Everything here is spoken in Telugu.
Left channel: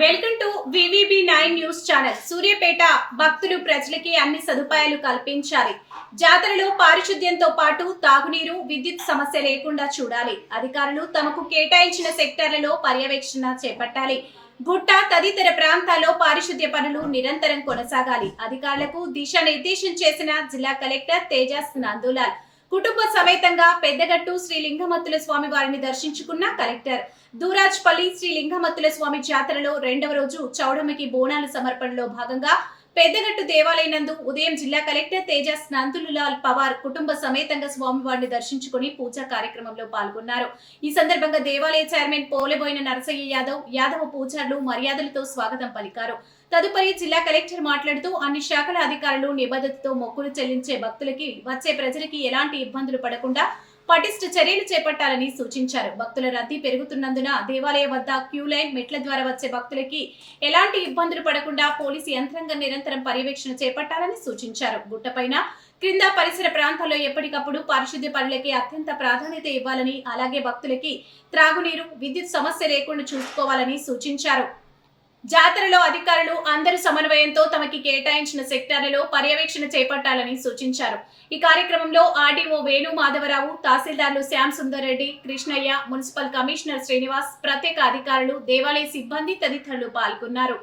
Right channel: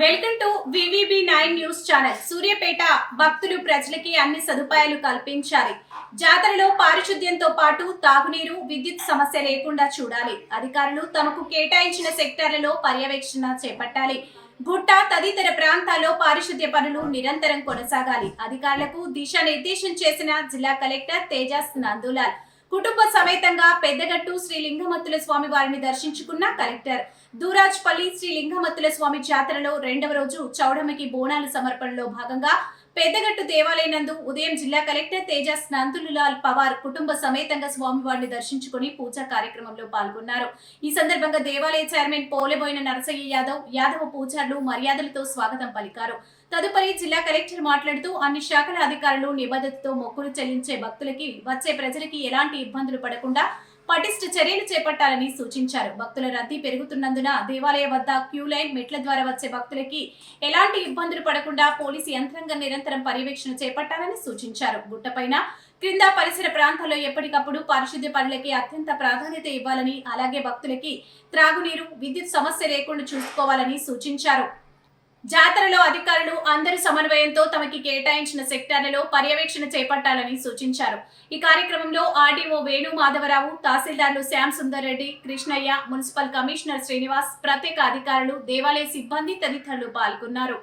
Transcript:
Welcome to VVB nine news channel. Suryapet భక్తులు ప్రజలకి అన్ని సదుపాయాలు కల్పించాలి. జాతరలో పారిశుద్ధ్యంతో పాటు తాగునీరు విద్యుత్ సమస్య లేకుండా చూడాలి. అధికారులు తమకు కేటాయించిన సెక్టార్లలో పర్యవేక్షణ చేపట్టాలి. గుట్ట తదితర ప్రాంతాల్లో పారిశుద్ధ్య పనులు నిరంతరం కొనసాగాలి. అధికారులకు దిశానిర్దేశం చేసిన జిల్లా కలెక్టర్ తేజస్ నందులాల్. కుటుంబ సమేతంగా పెద్దగట్టు శ్రీ లింగమత్తుల స్వామి వారిని దర్శించుకున్న కలెక్టర్. దూరాజ్పల్లి శ్రీ లింగమత్తుల స్వామి జాతరలో రెండవ రోజు చౌడమ్మకి బోనాల సమర్పణలో భాగంగా పెద్దగట్టు దేవాలయనందు ఉదయం జిల్లా కలెక్టర్ తేజస్ నందులాల్ పవార్ కుటుంబ సమేతంగా స్వామివారిని దర్శించుకుని పూజా కార్యక్రమంలో పాల్గొన్నారు. ఈ సందర్భంగా దేవాలయ చైర్మన్ పోలెబోయిన నరసయ్య యాదవ్ యాదవ పూజారులు మర్యాదలతో స్వాగతం పలికారు. తదుపరి జిల్లా కలెక్టర్ మాట్లాడుతూ అన్ని శాఖల అధికారులు నిబద్ధతతో మొక్కులు చెల్లించే భక్తులకి వచ్చే ప్రజలకి ఎలాంటి ఇబ్బందులు పడకుండా పటిష్ట చర్యలు చేపట్టాలని సూచించారు. భక్తుల రద్దీ పెరుగుతున్నందున దేవాలయ వద్ద క్యూ లైన్ మెట్ల ద్వారా వచ్చే భక్తులకి ఎలాంటి ఇబ్బందులు పడకుండా పోలీసు యంత్రాంగం నిరంతరం పర్యవేక్షణ చేపట్టాలని సూచించారు. గుట్టపైన క్రింద పరిసర ప్రాంతాల్లో ఎప్పటికప్పుడు పారిశుద్ధ్య పనులకి అత్యంత ప్రాధాన్యత ఇవ్వాలని అలాగే భక్తులకి త్రాగునీరు విద్యుత్ సమస్య లేకుండా చూసుకోవాలని సూచించారు. జాతరలో అధికారులు అందరి సమన్వయంతో తమకి కేటాయించిన సెక్టార్లలో పర్యవేక్షణ చేపట్టాలని సూచించారు. ఈ కార్యక్రమంలో ఆర్డీఓ వేణు మాధవరావు తహసీల్దార్లు శ్యామ్ సుందర్ రెడ్డి కృష్ణయ్య మున్సిపల్ కమిషనర్ శ్రీనివాస్ ప్రత్యేక అధికారులు దేవాలయ సిబ్బంది తదితరులు పాల్గొన్నారు.